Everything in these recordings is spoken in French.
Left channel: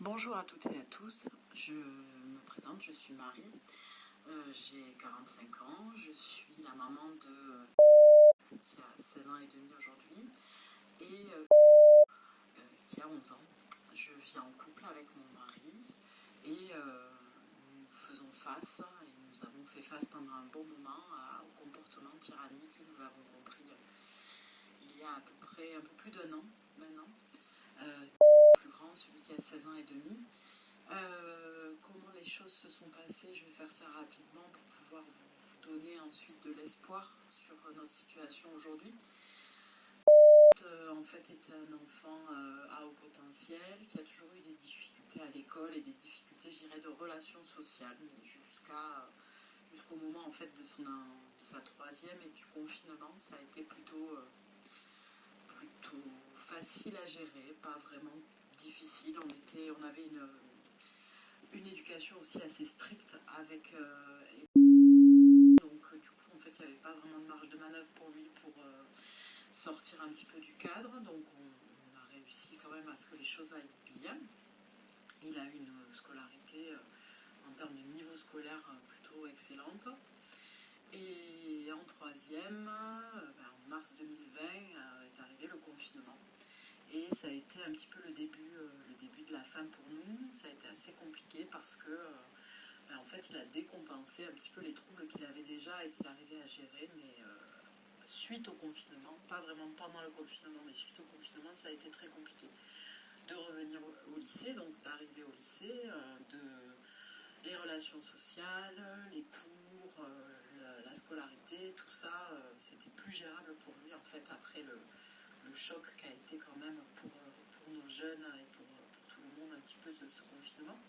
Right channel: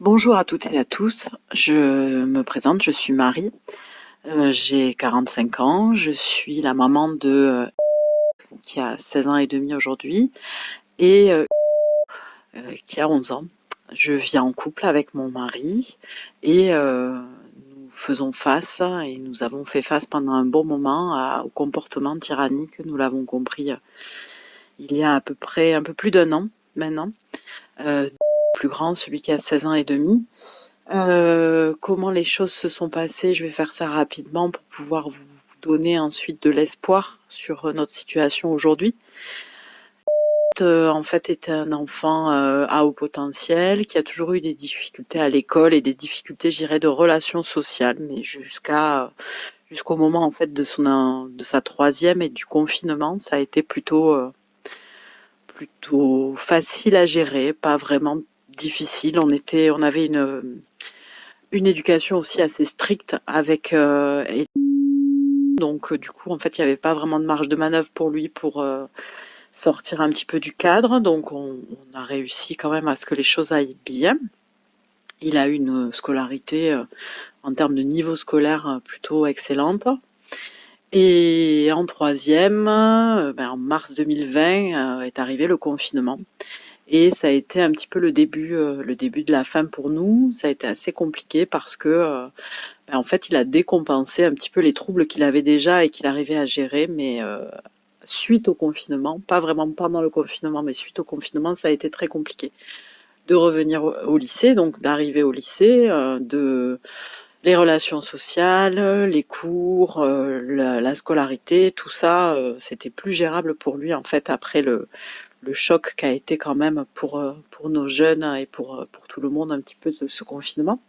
Bonjour à toutes et à tous, je me présente, je suis Marie, j'ai 45 ans, je suis la maman qui a 16 ans et demi aujourd'hui et qui a 11 ans. Je vis en couple avec mon mari et nous faisons face et nous avons fait face pendant un bon moment au comportement tyrannique, nous l'avons compris il y a à peu près un peu plus d'un an maintenant. Plus grand, celui qui a 16 ans et demi. Comment les choses se sont passées, je vais faire ça rapidement pour pouvoir vous donner ensuite de l'espoir sur notre situation aujourd'hui. En fait, était un enfant à haut potentiel qui a toujours eu des difficultés à l'école et des difficultés, je dirais, de relations sociales, mais jusqu'au moment en fait de sa troisième et du confinement, ça a été plutôt facile à gérer, pas vraiment difficile. On avait une éducation aussi assez stricte et donc du coup en fait il n'y avait pas vraiment de marge de manœuvre pour lui pour sortir un petit peu du cadre, donc on a réussi quand même à ce que les choses aillent bien. Il a eu une scolarité en termes de niveau scolaire plutôt excellente. Et en troisième, en mars 2020 est arrivé le confinement. Et ça a été un petit peu le début de la fin pour nous. Ça a été assez compliqué parce que en fait, il a décompensé un petit peu les troubles qu'il avait déjà et qu'il arrivait à gérer, mais suite au confinement, pas vraiment pendant le confinement, mais suite au confinement, ça a été très compliqué de revenir au lycée, donc d'arriver au lycée, de les relations sociales, les cours, la scolarité, tout ça, c'était plus gérable pour lui en fait après le choc qu'a été quand même pour nos jeunes et pour tout le monde un petit peu ce confinement.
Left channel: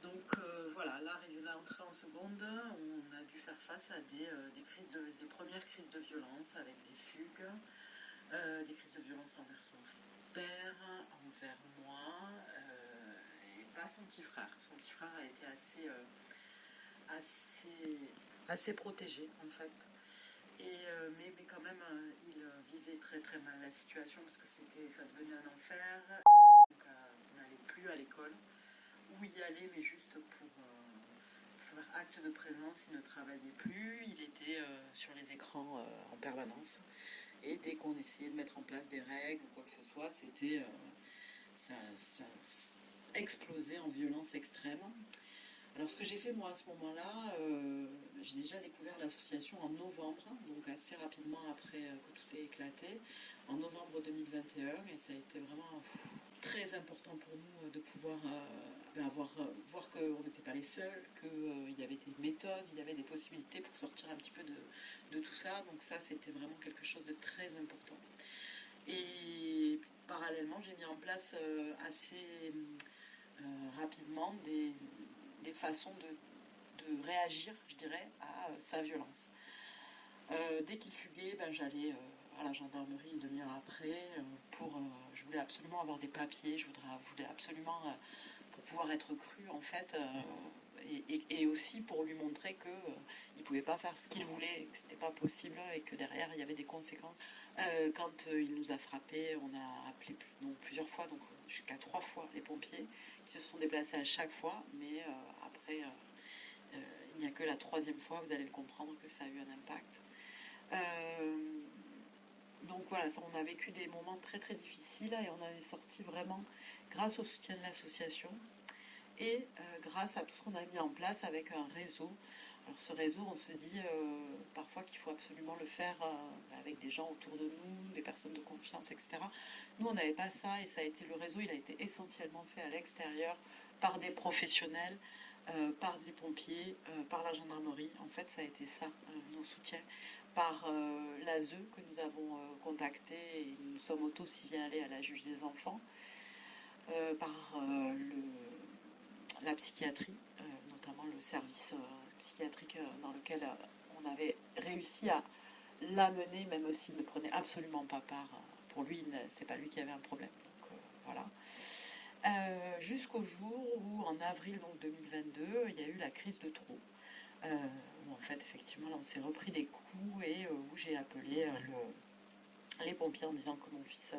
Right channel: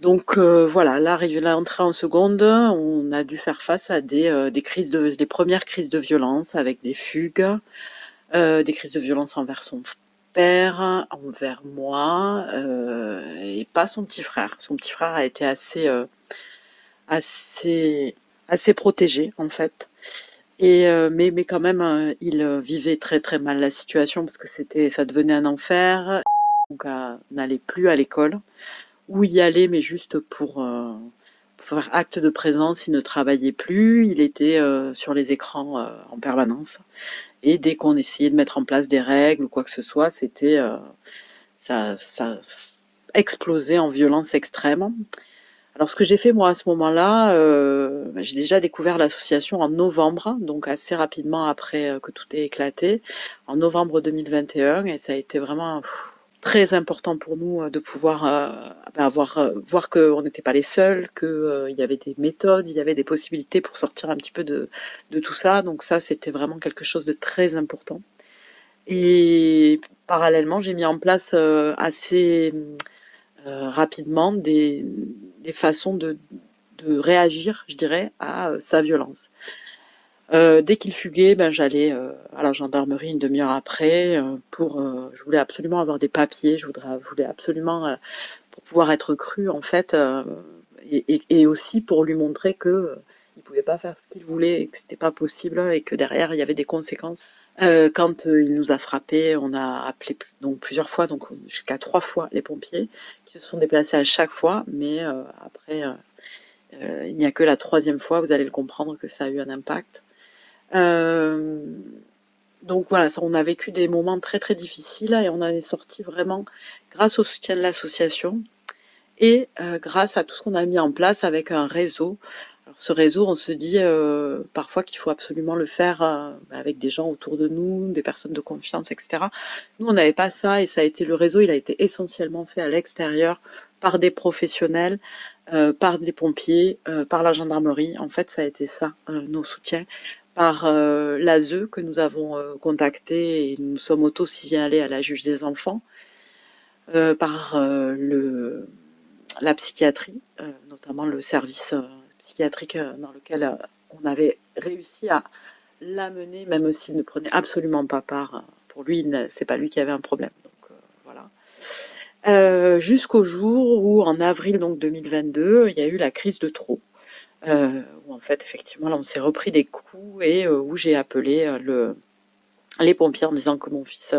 Donc voilà, l'entrée en seconde, on a dû faire face à des premières crises de violence avec des fugues, des crises de violence envers son père, envers moi, et pas son petit frère. Son petit frère a été assez, assez protégé en fait. Mais quand même, il vivait très très mal la situation parce que ça devenait un enfer. Donc, n'allait plus à l'école ou y aller, mais juste pour faire acte de présence. Il ne travaillait plus, il était sur les écrans en permanence. Et dès qu'on essayait de mettre en place des règles ou quoi que ce soit, ça explosait en violence extrême. Alors ce que j'ai fait moi à ce moment-là, j'ai déjà découvert l'association en novembre, donc assez rapidement après que tout ait éclaté, en novembre 2021, et ça a été vraiment très important pour nous de pouvoir voir qu'on n'était pas les seuls, qu'il y avait des méthodes, il y avait des possibilités pour sortir un petit peu de tout ça. Donc ça, c'était vraiment quelque chose de très important. Et parallèlement, j'ai mis en place assez rapidement des façons de réagir, je dirais, à sa violence. Dès qu'il fuguait, j'allais à la gendarmerie une demi-heure après je voulais absolument avoir des papiers, voulais absolument pour pouvoir être cru en fait, et aussi pour lui montrer que il pouvait pas faire ce qu'il voulait et que c'était pas possible et que derrière il y avait des conséquences. Quand il nous a frappés, on a appelé donc plusieurs fois, donc jusqu'à 3 fois les pompiers qui se sont déplacés à chaque fois, mais après il n'y a que la troisième fois, vous allez le comprendre, que ça a eu un impact. Euh, donc voilà, on a vécu des moments très très difficiles et on en est sorti vraiment grâce au soutien de l'association et grâce à tout ce qu'on a mis en place avec un réseau. Alors ce réseau, on se dit parfois qu'il faut absolument le faire avec des gens autour de nous, des personnes de confiance, etc. Nous, on n'avait pas ça et ça a été le réseau, il a été essentiellement fait à l'extérieur par des professionnels, par des pompiers, par la gendarmerie. En fait, ça a été ça, nos soutiens, par l'ASE que nous avons contacté et nous sommes auto-signalés à la juge des enfants, par la psychiatrie, notamment le service psychiatrique dans lequel on avait réussi à l'amener, même s'il ne prenait absolument pas part. Pour lui, c'est pas lui qui avait un problème. Donc, voilà. Jusqu'au jour où, en avril donc 2022, il y a eu la crise de trop. Où en fait, effectivement, là, on s'est repris des coups et où j'ai appelé les pompiers en disant que mon fils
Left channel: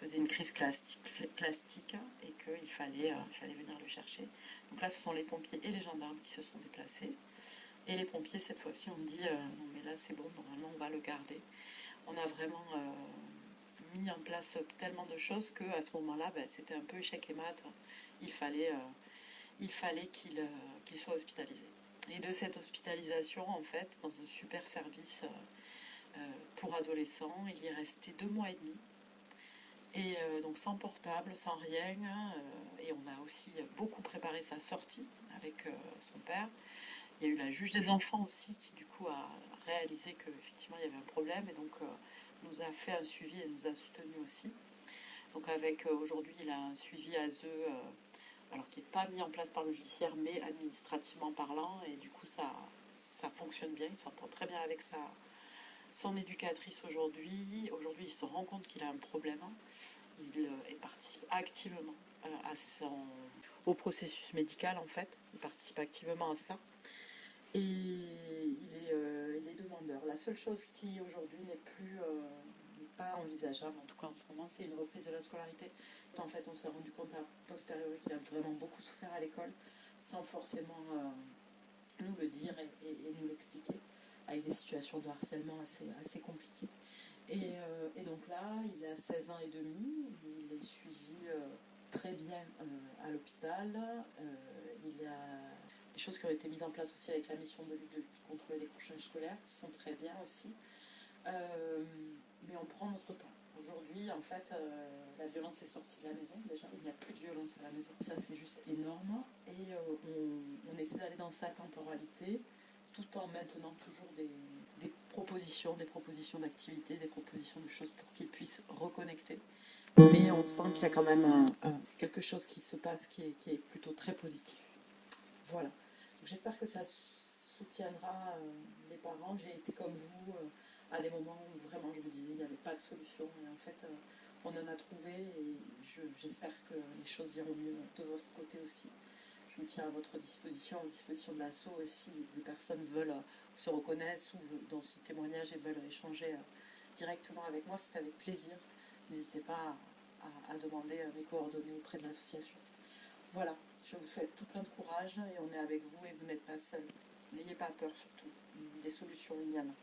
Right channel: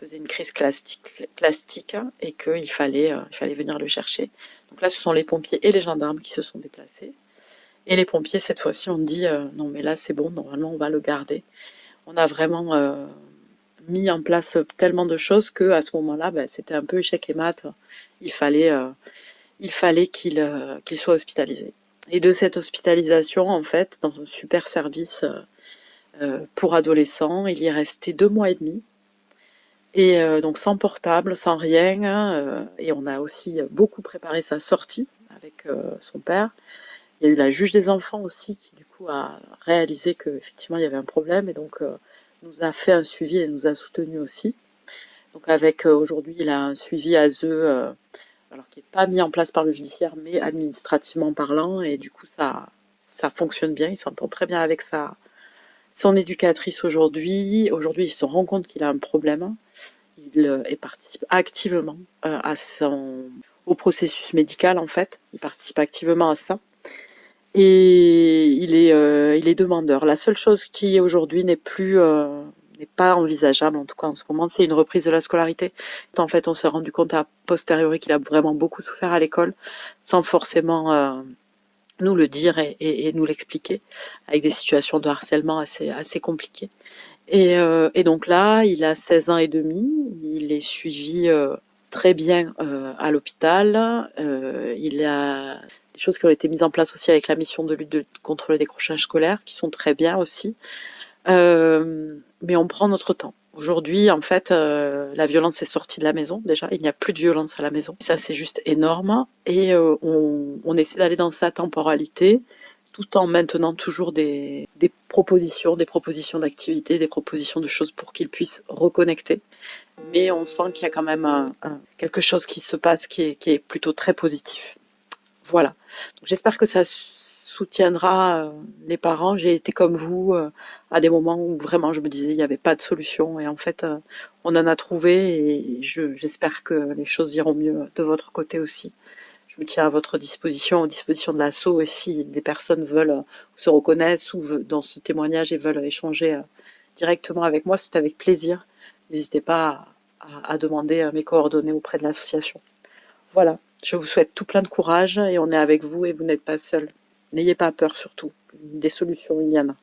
faisait une crise plastique et il fallait venir le chercher. Donc là, ce sont les pompiers et les gendarmes qui se sont déplacés. Et les pompiers, cette fois-ci, ont dit non, mais là, c'est bon, normalement, on va le garder. On a vraiment mis en place tellement de choses que à ce moment-là, ben, c'était un peu échec et mat. Il fallait, euh, il fallait qu'il soit hospitalisé. Et de cette hospitalisation, en fait, dans un super service pour adolescents, il y est resté 2 mois et demi. Et donc sans portable, sans rien. Et on a aussi beaucoup préparé sa sortie avec son père. Il y a eu la juge des enfants aussi qui du coup a réalisé qu'effectivement il y avait un problème et donc nous a fait un suivi et nous a soutenus aussi. Donc avec aujourd'hui il a un suivi ASE alors qui n'est pas mis en place par le judiciaire mais administrativement parlant et du coup ça fonctionne bien, il s'entend très bien avec son éducatrice aujourd'hui. Aujourd'hui il se rend compte qu'il a un problème, il participe activement au processus médical en fait, il participe activement à ça. Et il est demandeur. La seule chose qui aujourd'hui n'est pas envisageable, en tout cas en ce moment, c'est une reprise de la scolarité. En fait, on s'est rendu compte a posteriori qu'il a vraiment beaucoup souffert à l'école, sans forcément nous le dire et nous l'expliquer, avec des situations de harcèlement assez compliquées. Et donc là, il a 16 ans et demi, il est suivi très bien à l'hôpital. Il a des choses qui ont été mises en place aussi avec la mission de lutte contre le décrochage scolaire, qui sont très bien aussi. Mais on prend notre temps. Aujourd'hui, en fait, la violence est sortie de la maison. Déjà, il n'y a plus de violence à la maison. Ça, c'est juste énorme. Et on essaie d'aller dans sa temporalité, tout en maintenant toujours des propositions d'activités, des propositions de choses pour qu'il puisse reconnecter. Mais on sent qu'il y a quand même quelque chose qui se passe qui est plutôt très positif. Voilà. J'espère que ça soutiendra les parents. J'ai été comme vous à des moments où vraiment je me disais il n'y avait pas de solution et en fait on en a trouvé et j'espère que les choses iront mieux de votre côté aussi. Je me tiens à votre disposition, aux dispositions de l'asso et si des personnes veulent se reconnaissent ou dans ce témoignage et veulent échanger directement avec moi, c'est avec plaisir. N'hésitez pas à demander mes coordonnées auprès de l'association. Voilà, je vous souhaite tout plein de courage et on est avec vous et vous n'êtes pas seul. N'ayez pas peur surtout. Des solutions, il y en a.